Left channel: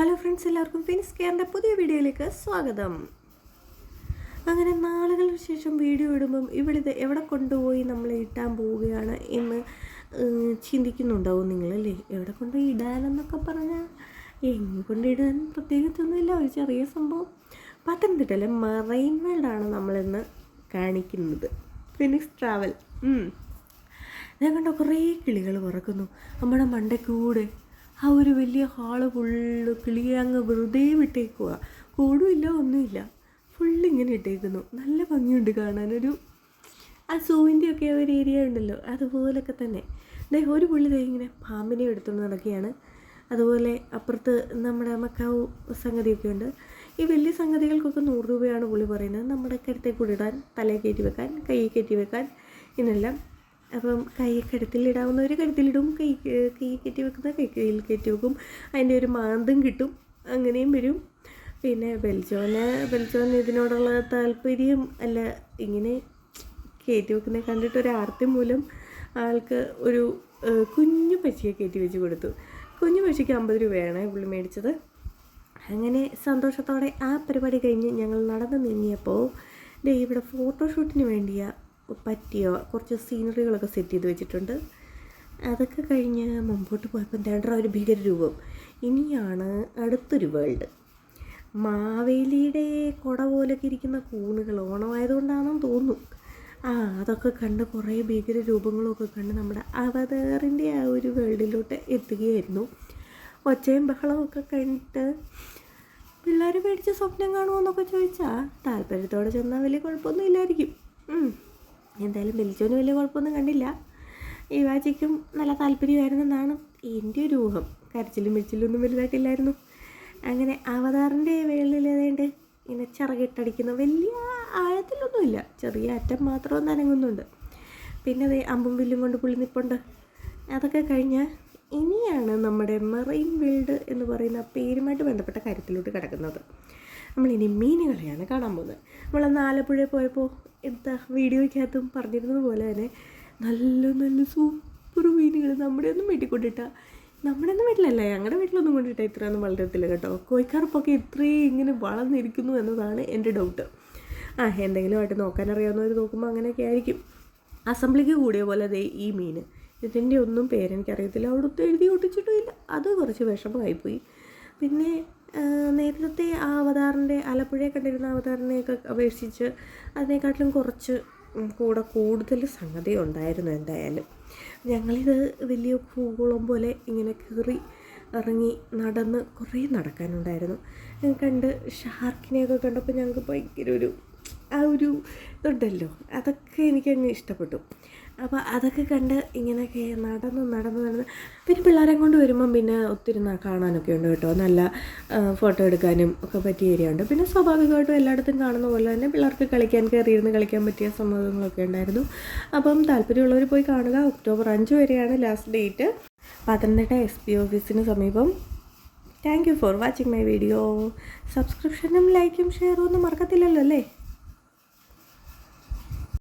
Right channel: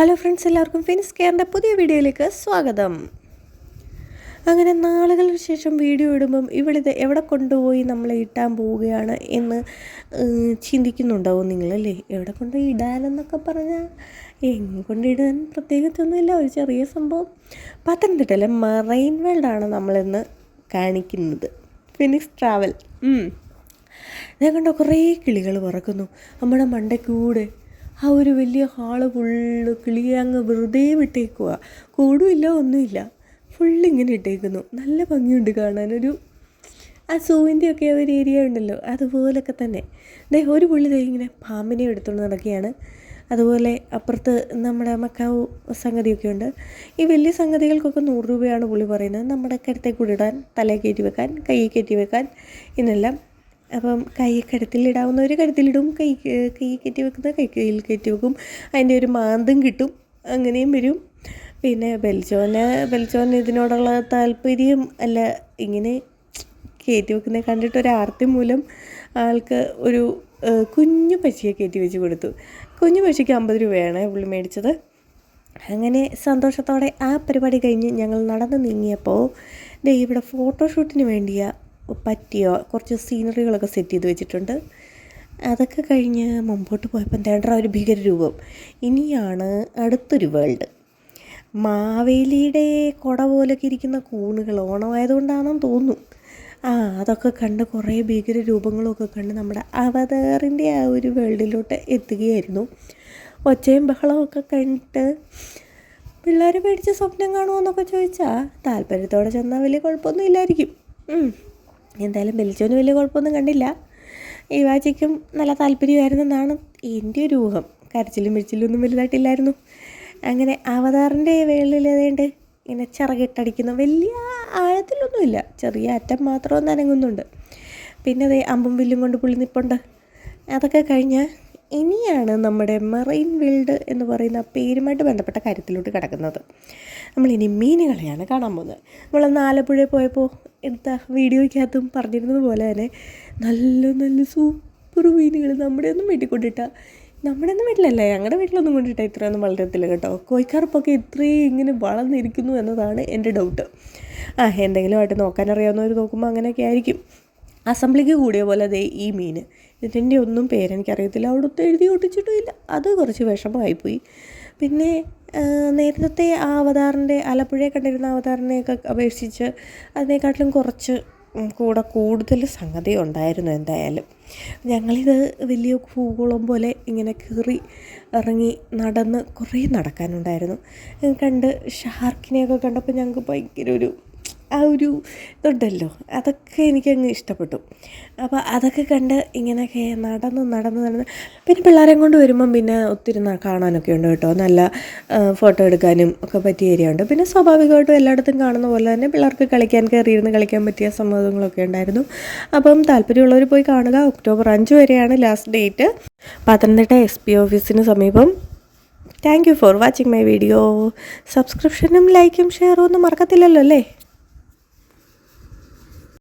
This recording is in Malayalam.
ഹലോ ഫ്രണ്ട്സ്, എല്ലാവർക്കും ഫിനിക്സ് കെയറിൻ്റെ പുതിയ വീഡിയോയിലേക്ക് സ്വാഗതം. അങ്ങനെ നാളുകൾക്ക് ശേഷം വീഡിയോ ഇടുമ്പം ഇവളിത് എവിടെ കൊണ്ടുപോയി നമ്മളെ ഇട്ടാൻ പോവുകയാണ് എന്ന് ചിന്തിക്കുന്നുണ്ടാവും നിങ്ങളല്ലേ. എവിടെ കൊണ്ടുപോയി ഇടാനെന്നൊക്കെ പറഞ്ഞാൽ എങ്ങനെ കൊണ്ടിടാൻ പ്രത്യേകിച്ചൊന്നുമില്ല, ഒരു ചെറിയ സംഭവം. പത്തനംതിട്ടയിലെ മറൈൻ വേൾഡാണ് നമ്മളിന്ന് കാണിക്കുന്നത്. Phoenix travel. ഞാൻ കണ്ട കുറേ കിളികൾ പറക്കുന്നു നമ്മുടെ മണ്ടയ്ക്കൂടെ. ആ ഒരു വലിയ ഹാള് ഫുള്ള് കിളിയെ അങ്ങ് വെറുതെ വിട്ടേക്കുക, കൂടുമില്ല ഒന്നുമില്ല, ഫുള്ളിങ്ങനെ ഇട്ടേക്കുന്നു. നല്ല ഭംഗിയുണ്ട് കാണാനൊരു ആ സൂവിൻ്റെയൊക്കെ ഒരു ഏരിയ ഉണ്ടല്ലോ, അതുപോലൊക്കെ തന്നെ. ഒരു പുള്ളി ഇങ്ങനെ പാമ്പിനെ എടുത്തുകൊണ്ട് നടക്കുകയാണ്. അതുപോലെ അപ്പുറത്ത് നമ്മുടെ മക്കാവ് സംഗതിയൊക്കെ ഉണ്ട്. ഈ വലിയ സംഗതികൾക്കൊക്കെ 100 രൂപയാണ് പുള്ളി പറയുന്നത്. നമ്മുടെ കരുത്തെ കൂടി ഇടാൻ, തലയിൽ കയറ്റി വെക്കാൻ, കൈ കയറ്റി വെക്കാൻ, ഇന്നെല്ലാം. അപ്പം കൈ കഴുത്തിലിടാവുന്ന ഒരു കഴുത്തിലിടും, കൈ കയറ്റി വെക്കുന്ന കയ്യിൽ കയറ്റി വെക്കും. അതിൻ്റെ ഒരു മാന്തും കിട്ടും, അങ്ങനെയും വരും. പിന്നെ ബെൽച്ചോന് ഇതിനോടുള്ള താല്പര്യം അല്ല, ഇങ്ങനെ കയറ്റി വെക്കുന്നത് കണ്ടിട്ടൊരു ആർത്തി മൂലം ആൾക്ക് ഒരു കുഞ്ഞു പശിയെ കയറ്റി വെച്ച് കൊടുത്തു. കുഞ്ഞു പശിക്ക് 50 രൂപയാണ് പുള്ളി മേടിച്ചത്. അങ്ങനെ സന്തോഷത്തോടെ ആ പരിപാടി കഴിഞ്ഞ് ഞങ്ങൾ നടന്ന് നീങ്ങിയപ്പോൾ ഇവിടെ ഫോട്ടോഷൂട്ടിന് പറ്റിയ കുറച്ച് സീനറികളൊക്കെ സെറ്റ് ചെയ്ത് വെച്ചിട്ടുണ്ട്. അതൊക്കെ കഴിഞ്ഞ് മുമ്പോട്ട് പോയപ്പോൾ തേണ്ട ഒരു ഭീകരരൂപം. ഇനിയാണ് അടുത്തൊരു വേൾഡ്. മാവേലിയുടെ കൊട പോലൊക്കെ ഇരിക്കുന്ന കൂണുകൾ ഓണമായതുകൊണ്ടാണെന്ന് തോന്നുന്നു. അതൊക്കെ കണ്ട് കുറേ ഭീകര രൂപങ്ങളൊക്കെ കണ്ട് നമ്മുടെ അവതാറിൻ്റെ ആ ഒരു വേൾഡിലോട്ട് എത്തുകയായിരുന്നു. ഒച്ചയും ബഹളമൊക്കെ കണ്ടിട്ട് പിള്ളേർ പേടിച്ച് സ്വപ്നം കാണുമോയെന്നൊക്കെ ചോദിച്ചാൽ താല്പര്യത്തോടെ ചെന്നാൽ വലിയ കുഴപ്പമൊന്നും ഇല്ലായിരിക്കും. എന്തായാലും ബെൽച്ചോന് വലിയ കുഴപ്പമൊന്നും കണ്ടില്ല. ഈ വാച്ചിക്കും നല്ല താല്പര്യമായിരുന്നെന്നാണ് എൻ്റെ ഒരു ഊഹം. കരച്ചിലും പിടിച്ചിലും ഒന്നും വലുതായിട്ടില്ലായിരുന്നു. അങ്ങനെ അവതാറിൻ്റെ വേളിലേതേണ്ട് ഇങ്ങനെ ചിറകിട്ടടിക്കുന്നു. വലിയ ആഴത്തിലൊന്നുമില്ല, ചെറിയ അറ്റം മാത്രം നനങ്ങുന്നുണ്ട്. പിന്നെ അമ്പും വില്ലും കൊണ്ട് പുള്ളി നിൽപ്പുണ്ട്. അതൊക്കെ കഴിഞ്ഞ് ഇനിയാണ് നമ്മുടെ മറൈൻ വേൾഡ് എന്ന് പറയുന്ന പേരുമായിട്ട് ബന്ധപ്പെട്ട കാര്യത്തിലോട്ട് കിടക്കുന്നത്. നമ്മളിനി മീനുകളെയാണ് കാണാൻ പോകുന്നത്. നമ്മൾ ആലപ്പുഴയിൽ പോയപ്പോൾ വീഡിയോയ്ക്കകത്തും പറഞ്ഞിരുന്നത് പോലെ തന്നെ നല്ല നല്ല സൂപ്പർ മീനുകൾ നമ്മുടെ ഒന്നും വീട്ടിൽ കൊണ്ടിട്ടാൽ, നമ്മുടെ ഒന്നും വീട്ടിലല്ല, ഞങ്ങളുടെ വീട്ടിലൊന്നും കൊണ്ടിട്ടാൽ ഇത്രയൊന്നും വളരത്തില്ല കേട്ടോ. കോഴിക്കാർപ്പൊക്കെ ഇത്രയും ഇങ്ങനെ വളർന്നിരിക്കുന്നു എന്നതാണ് എൻ്റെ ഡൗട്ട്. എന്തെങ്കിലുമായിട്ട് നോക്കാനറിയാവുന്നവർ നോക്കുമ്പോൾ അങ്ങനെയൊക്കെ ആയിരിക്കും. അസംബ്ലിക്ക് കൂടിയ പോലെ ഈ മീൻ, ഇതിൻ്റെ ഒന്നും പേരെനിക്കറിയത്തില്ല, അവിടുത്തെ എഴുതി ഒട്ടിച്ചിട്ടുമില്ല. അത് കുറച്ച് വിഷമമായിപ്പോയി. പിന്നെ നേരത്തെ ആ അവതാറിൻ്റെ ആലപ്പുഴയെ കണ്ടിരുന്ന അവതാറിനെയൊക്കെ അപേക്ഷിച്ച് അതിനെക്കാട്ടിലും കുറച്ച് കൂടുതൽ സംഗതി ഉണ്ടായിരുന്നു. എന്തായാലും ഞങ്ങളിത് വലിയ ഭൂഗോളം പോലെ ഇങ്ങനെ കയറി ഇറങ്ങി നടന്ന് കുറേ നടക്കാനുണ്ടായിരുന്നു. കണ്ട് ഷാർക്കിനെയൊക്കെ കണ്ടപ്പോൾ ഞങ്ങൾക്ക് ഭയങ്കര ഒരു ഇതുണ്ടല്ലോ, അതൊക്കെ എനിക്കങ്ങ് ഇഷ്ടപ്പെട്ടു. അപ്പോൾ അതൊക്കെ കണ്ട് ഇങ്ങനെയൊക്കെ നടന്ന് പിന്നെ പിള്ളേരെ കൊണ്ട് വരുമ്പം പിന്നെ ഒത്തിരി കാണാനൊക്കെ ഉണ്ട് കേട്ടോ. നല്ല ഫോട്ടോ എടുക്കാനും ഒക്കെ പറ്റിയ ഏരിയ ഉണ്ട്. പിന്നെ സ്വാഭാവികമായിട്ടും എല്ലായിടത്തും കാണുന്ന പോലെ തന്നെ പിള്ളേർക്ക് കയറിയിരുന്ന് കളിക്കാൻ പറ്റിയ സംഭവങ്ങളൊക്കെ ഉണ്ടായിരുന്നു. അപ്പം താല്പര്യമുള്ളവർ പോയി കാണുക. ഒക്ടോബർ 5 വരെയാണ് ലാസ്റ്റ് ഡേറ്റ്. പത്തനംതിട്ട SP ഓഫീസിന് സമീപം. Thank you for watching my video. സബ്സ്ക്രിപ്ഷനും ലൈക്കും ഷെയറും ഒന്നും മറക്കത്തില്ലല്ലോ അല്ലേ.